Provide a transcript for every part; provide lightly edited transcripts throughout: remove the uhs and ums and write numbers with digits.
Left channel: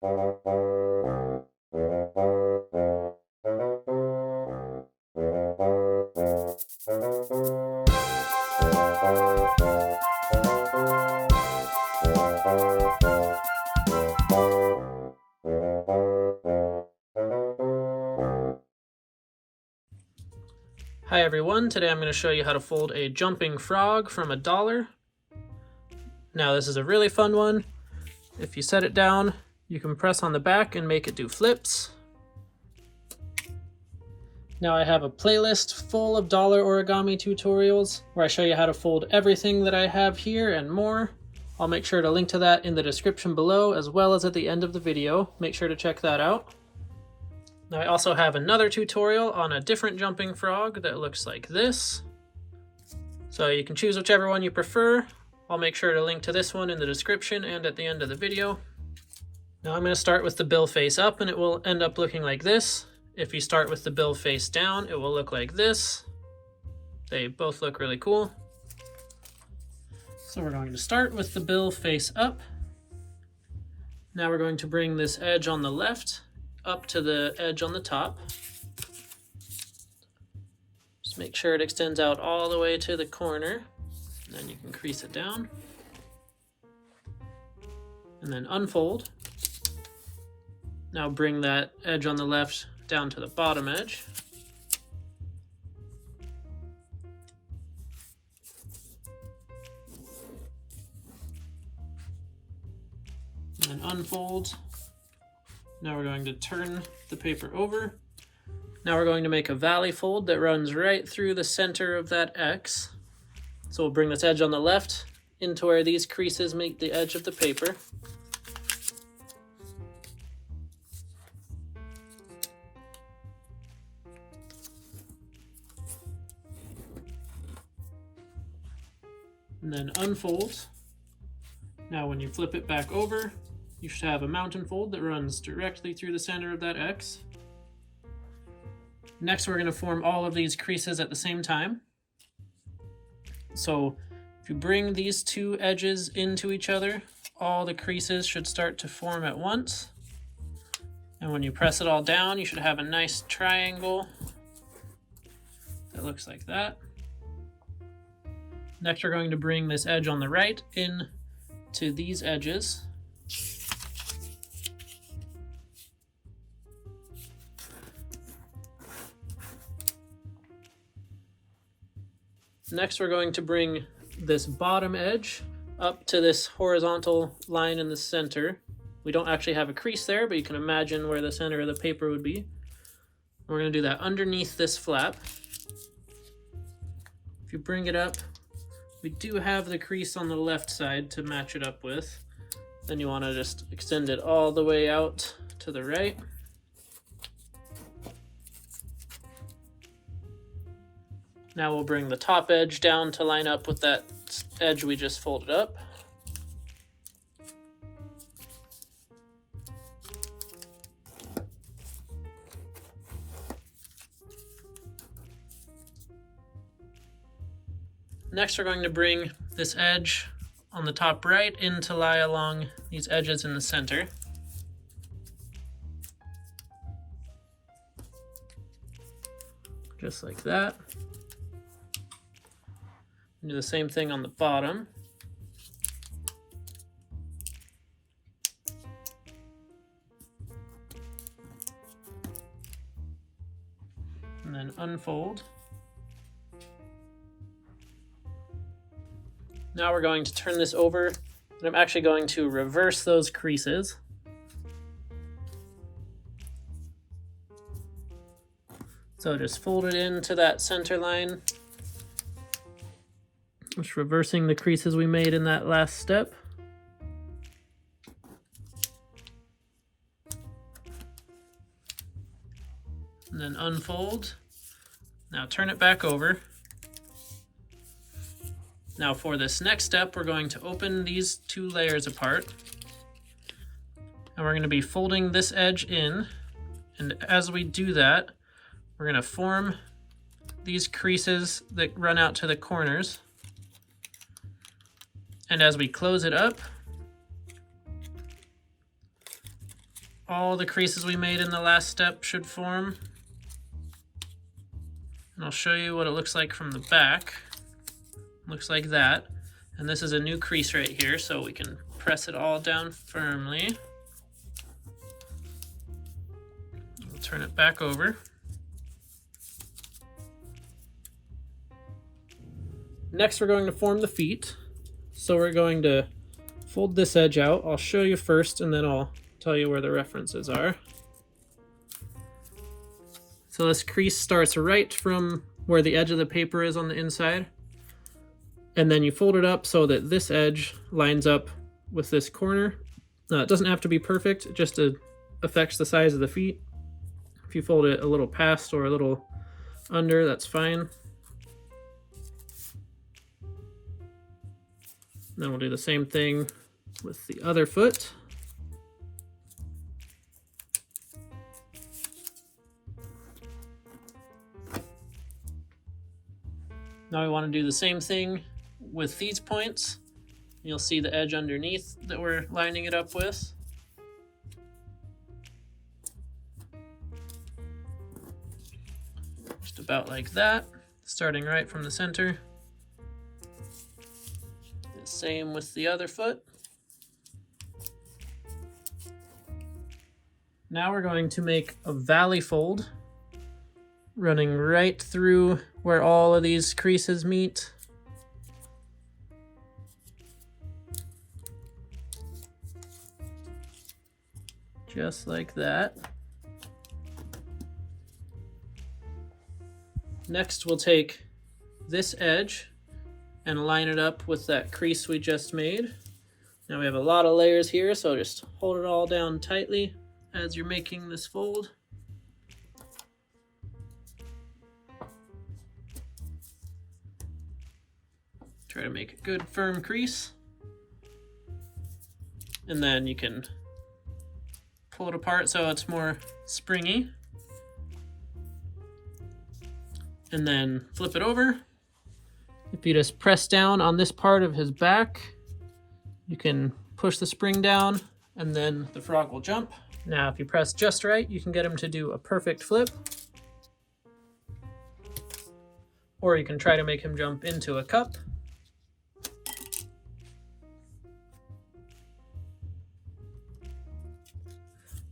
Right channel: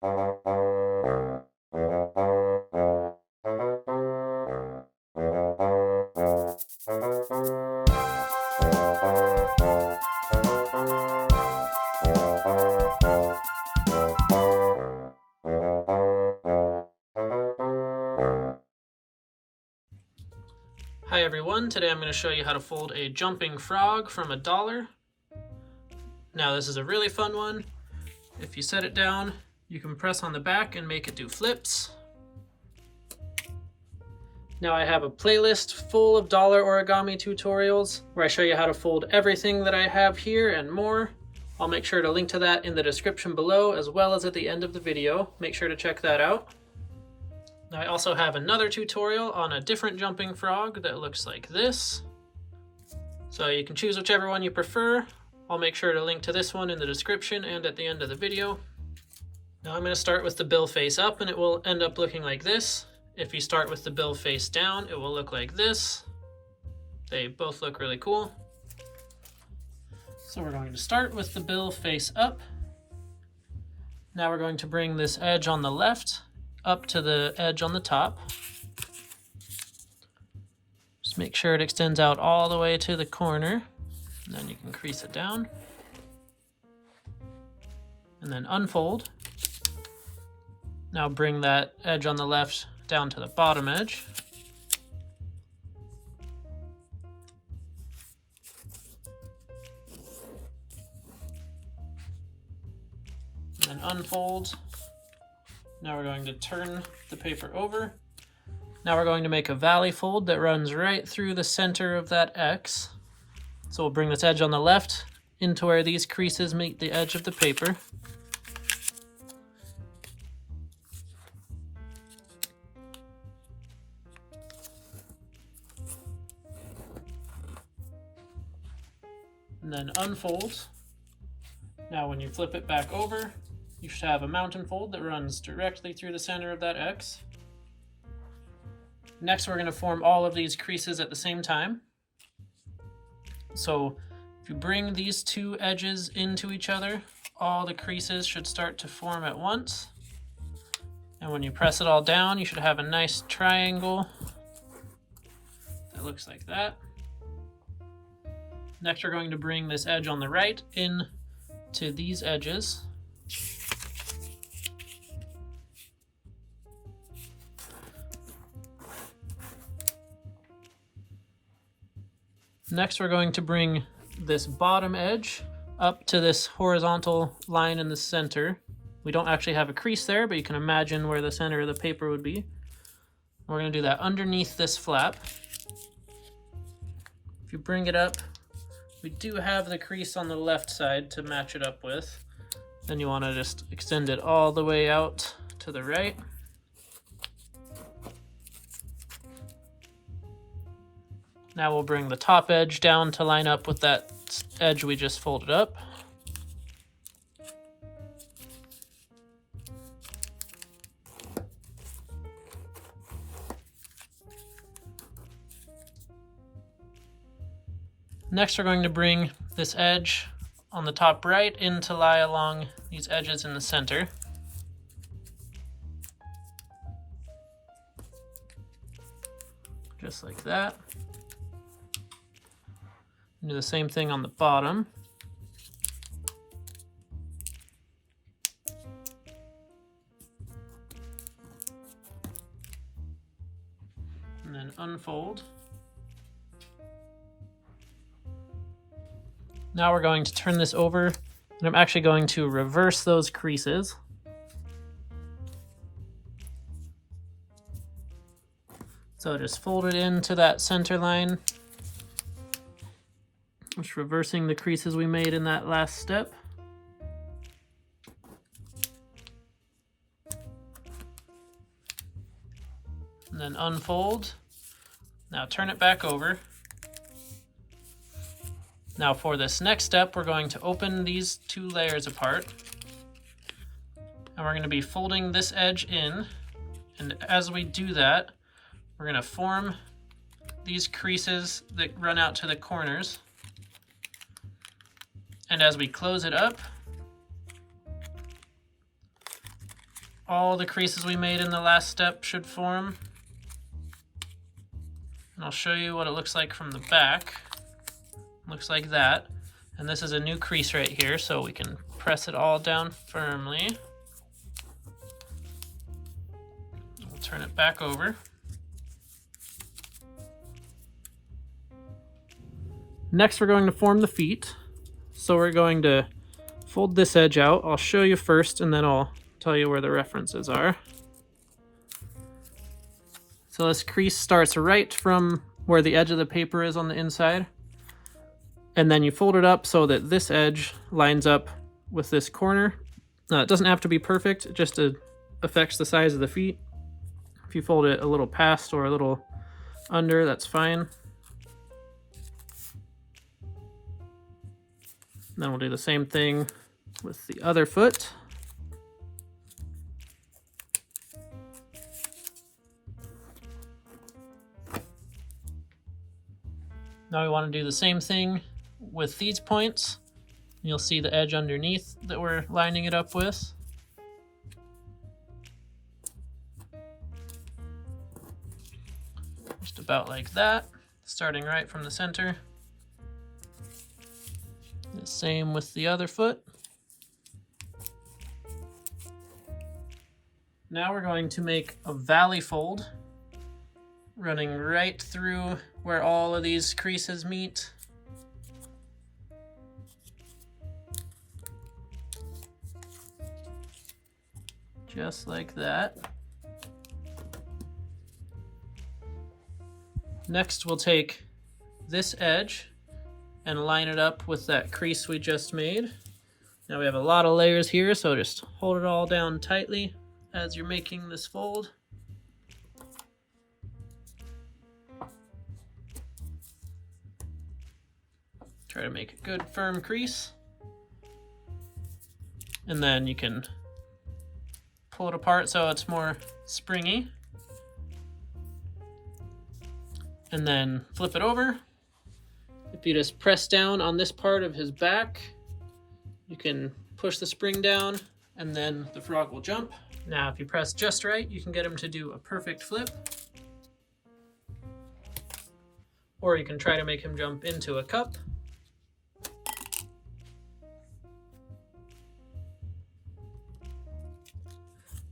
Hi everyone, today I'm going to show you how to fold a jumping frog from $1. Now this is a really fun one. If you set it down, you can press on the back and make it do flips. Now I have a playlist full of dollar origami tutorials where I show you how to fold everything that I have here and more. I'll make sure to link to that in the description below as well as at the end of the video. Make sure to check that out. Now I also have another tutorial on a different jumping frog that looks like this. So you can choose whichever one you prefer. I'll make sure to link to this one in the description and at the end of the video. Now I'm going to start with the bill face up and it will end up looking like this. If you start with the bill face down, it will look like this. They both look really cool. So we're going to start with the bill face up. Now we're going to bring this edge on the left up to the edge on the top. Just make sure it extends out all the way to the corner, and then you can crease it down. And then unfold. Now bring that edge on the left down to the bottom edge. And then unfold. Now we're going to turn the paper over. Now we're going to make a valley fold that runs right through the center of that X. So we'll bring this edge on the left into where these creases meet the edge of the paper. And then unfold. Now when you flip it back over, you should have a mountain fold that runs directly through the center of that X. Next, we're going to form all of these creases at the same time. So if you bring these two edges into each other, all the creases should start to form at once. And when you press it all down, you should have a nice triangle that looks like that. Next, we're going to bring this edge on the right in to these edges. Next, we're going to bring this bottom edge up to this horizontal line in the center. We don't actually have a crease there, but you can imagine where the center of the paper would be. We're going to do that underneath this flap. If you bring it up, we do have the crease on the left side to match it up with. Then you want to just extend it all the way out to the right. Now we'll bring the top edge down to line up with that edge we just folded up. Next, we're going to bring this edge on the top right in to lie along these edges in the center. Just like that. Do the same thing on the bottom. And then unfold. Now we're going to turn this over, and I'm actually going to reverse those creases. So just fold it into that center line. Just reversing the creases we made in that last step. And then unfold. Now turn it back over. Now for this next step, we're going to open these two layers apart. And we're going to be folding this edge in. And as we do that, we're going to form these creases that run out to the corners. And as we close it up, all the creases we made in the last step should form. And I'll show you what it looks like from the back. Looks like that. And this is a new crease right here, so we can press it all down firmly. We'll turn it back over. Next, we're going to form the feet. So we're going to fold this edge out. I'll show you first, and then I'll tell you where the references are. So this crease starts right from where the edge of the paper is on the inside. And then you fold it up so that this edge lines up with this corner. It doesn't have to be perfect, it just affects the size of the feet. If you fold it a little past or a little under, that's fine. Then we'll do the same thing with the other foot. Now we want to do the same thing with these points. You'll see the edge underneath that we're lining it up with. Just about like that, starting right from the center. The same with the other foot. Now we're going to make a valley fold running right through where all of these creases meet. Just like that. Next, we'll take this edge and line it up with that crease we just made. Now we have a lot of layers here, so just hold it all down tightly as you're making this fold. Try to make a good firm crease. And then you can pull it apart so it's more springy. And then flip it over. If you just press down on this part of his back, you can push the spring down and then the frog will jump. Now, if you press just right, you can get him to do a perfect flip. Or you can try to make him jump into a cup.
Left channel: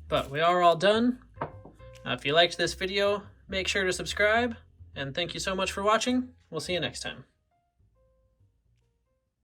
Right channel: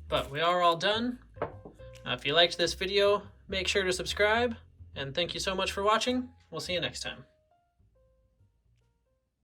But we are all done. If you liked this video, make sure to subscribe, and thank you so much for watching. We'll see you next time.